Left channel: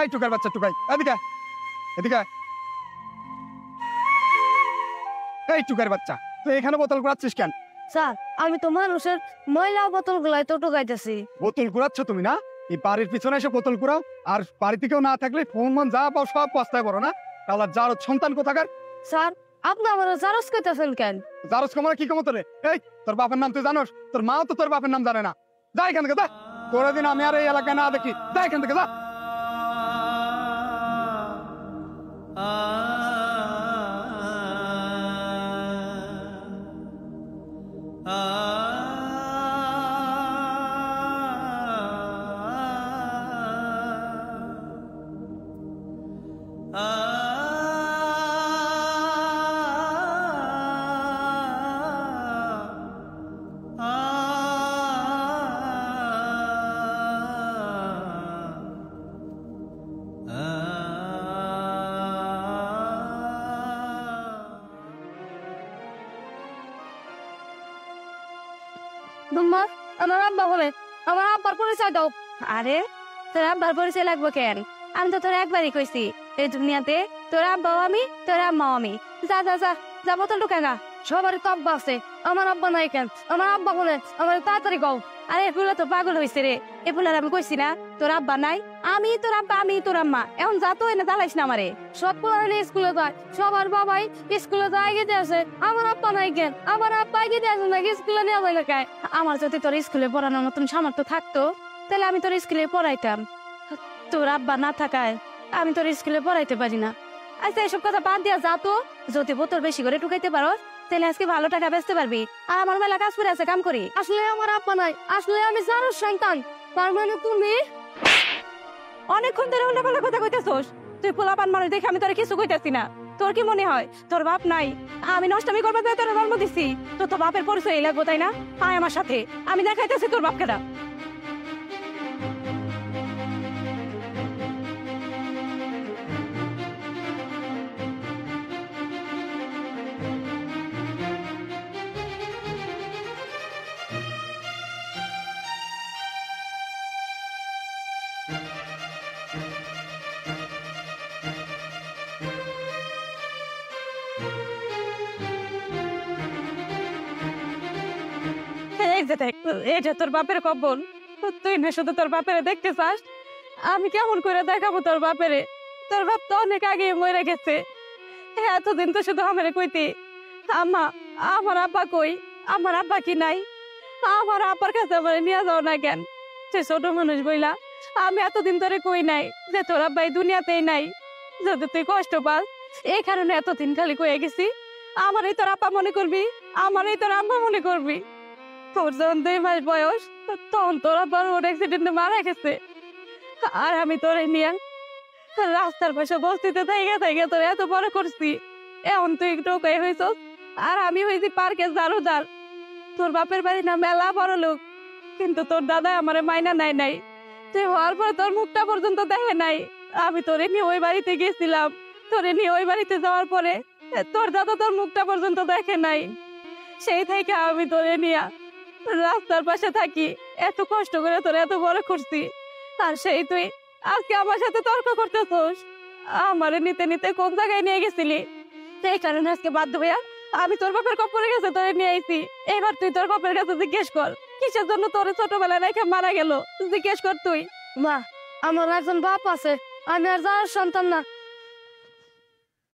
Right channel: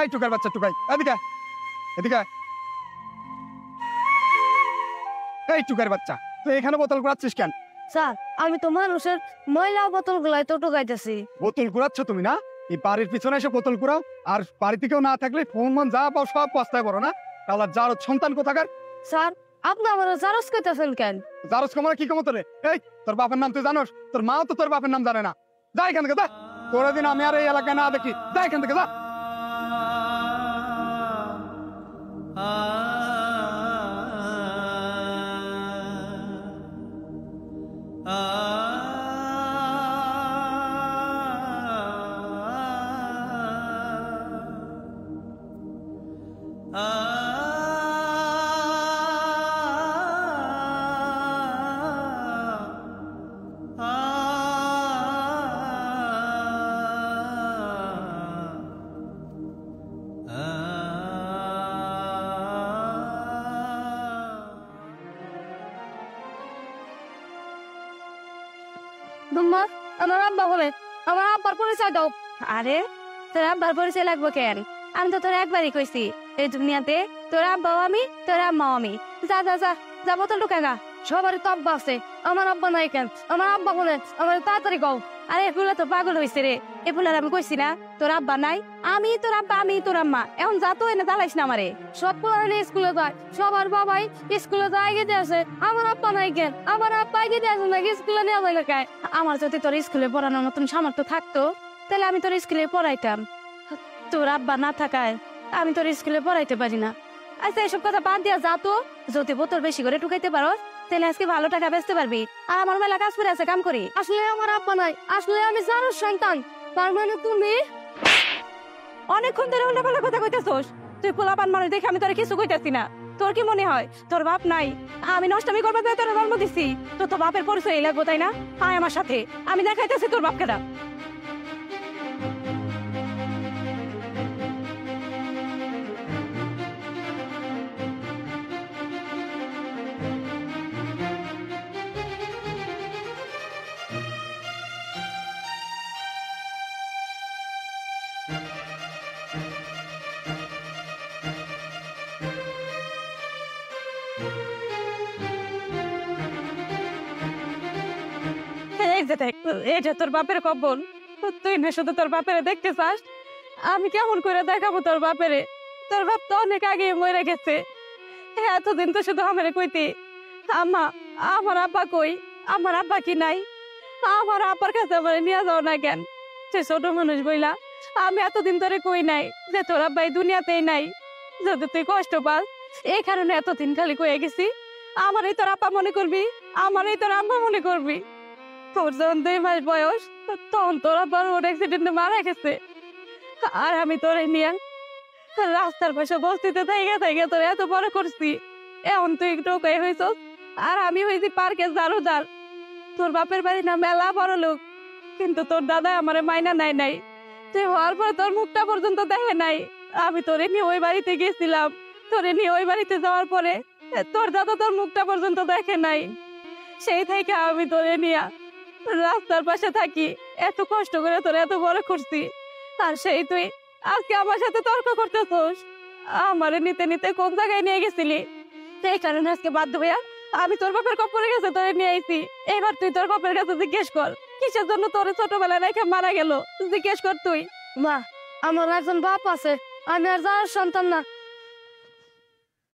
এই টুকাই বাচ্চা টুকাই, এদিকে এদিকে। এই টুকার বাচ্চা, তুই এখানে বোতল কুড়াচ্ছিস কেন? স্যার আমি তো মানুষের ময়লা বোতল গুলাই তো টোকাইতেছি। বোতল কুড়াচ্ছ তুমি না? এই বাড়ির পিছনে এসে বোতল কুড়াও, আর বাড়িতে কেউ না থাকলে ফোন মন যা পাও সব পস্তায় বড় না। তাহলে যার সন্তান কোথাকার? স্যার আপনি আমার জারস কইতেছেন কেন? জারস কমার কি কমতো রে? এই তোর বাপের নাম তুই জানোস? তোর মাও তো তোর বাপের নাম জানে না। যা এখান থেকে, যা। কোনদিন আমি আর এই এলাকায় না দেখি, যা এখান থেকে, যা। দুম্মা আমার আব্বা বলে, আমার আব্বার পরিচয় দাও। আরে তোর আব্বার পরিচয় লাগবো কেন? আমি তো তোর একবারই কইছি এই দুনিয়াতে তোর আব্বাও আমি, তোর আম্মাও আমি। যা যা যা যা, বোতল ঢুকায় না। সবার তো আব্বা আছে, আমার আব্বা নাই কেন? আমার আব্বা বলে আমার তাড়াতাড়ি কও। আরে এগুলো তো পাগল হয়েছে রে, এগুলো আমি কইছি না তোর আব্বা নাই, আমি তোর আব্বা, আমি তোর আম্মা। এখন যা তো এনে জ্বালাইস না আমারে। সব পড়াইলে স্কুলে যায়, সবার বাবাই স্কুলে যায় গিয়ে দিয়েছে, আমার আব্বা নাই কেন? আমার আব্বা গিয়ে দিয়েছে না, স্কুলে দেওয়া যায় না কেন? আমার যদি তোর স্কুলে পড়ানোর মতন সামর্থ্য থাকতো তাহলে আমি তোর স্কুলে পড়াইতাম। তোর আব্বা না থাকায় আমি তোর স্কুলে পড়াইতে পারি না। আচ্ছা এসব কথা বাদ দিয়া যা তো, যদি বোতল বেশি করে ঢুকাইতে পারো তাহলে আজকে ভালো টাকা বেচতে পারবি। আর আমার মেলা কাজ করে আছে, কাম করি। আসলে আমার আব্বা নাই, আসলে আমি জানোর সন্তান। তার মানে তুমি অনেকক্ষণ ধরে উল্টো কথা কইতাছস। তুই পোলাপান মানুষ দেখে আমি তোর কিছু কইতাছি না। তোর কি মনে হয় তোর বাপ নাই? আমি নষ্টামি করবো তোর জন্ম দিছি, তোর বাপের পরিচয় লাগবো তাই না? আয় আমার সাথে, আমি দেখাইতেছি তোর বাপকে না। এটা তোর বাপের কবর। তুই না শুধু তোর বাপেরে দেখতে চাস, আমি কেমন করে দেখাবো তোর বাপেরে? তোর বাপ তো অনেক আগে মরে গেছে। এতদিন তো শুধু আমারে কইতি আম্মা আমার আব্বা কই, আমার আব্বা কি নাই? আমার আব্বার কাছে আমার নিয়ে যাও না কেন? সে ছোট মানুষ বইলা আমি এতদিন ধরে কই নাই যে তোর আব্বা এই দুনিয়াতেই নাই। যদি তুই কষ্ট পাস এই কারণে এতদিন ধরে কয়ে গেছি আমারও তোর আব্বা মনে করবি, আমারও তোর আব্বা মনে করবি। তোর যখন 2 মাস বয়স তখন তোর আব্বা রোড অ্যাক্সিডেন্টে মারা গেছে। আর আমি তোর নিয়ে রাস্তার পাশে বস্তিতে থেকে থেকে তোর এত বড় করছি। এখন তুই একটু বেরোছ আর আমি হয়েছি পার্কের জারুদার। তোর বাপের বাড়ি না মেলা বড় লোক, কিন্তু তোর দাদা আমার মাইনা নাই নাই। তুই হওয়ার পর তোর মুখটা পর্যন্ত দেখিনি। আমি তোর নিয়ে বাড়িতে গেছিলাম, তোর নিয়ে বাড়িতে যাওয়ার পরে আমারে নিতে নিতে কোন জায়গায় নিয়ে গেছিলি? এই কারণে আজকে বাধ্য হইয়া আমি তোর বাবার কবরে গেছে ধরে নিয়ে আইছি। এইবার তুই তোর বাবার কাছে জিজ্ঞেস কর কিসের জন্য তোর ছোটবেলা রেখে মারা গেল। জিজ্ঞেস কর তুই। আমার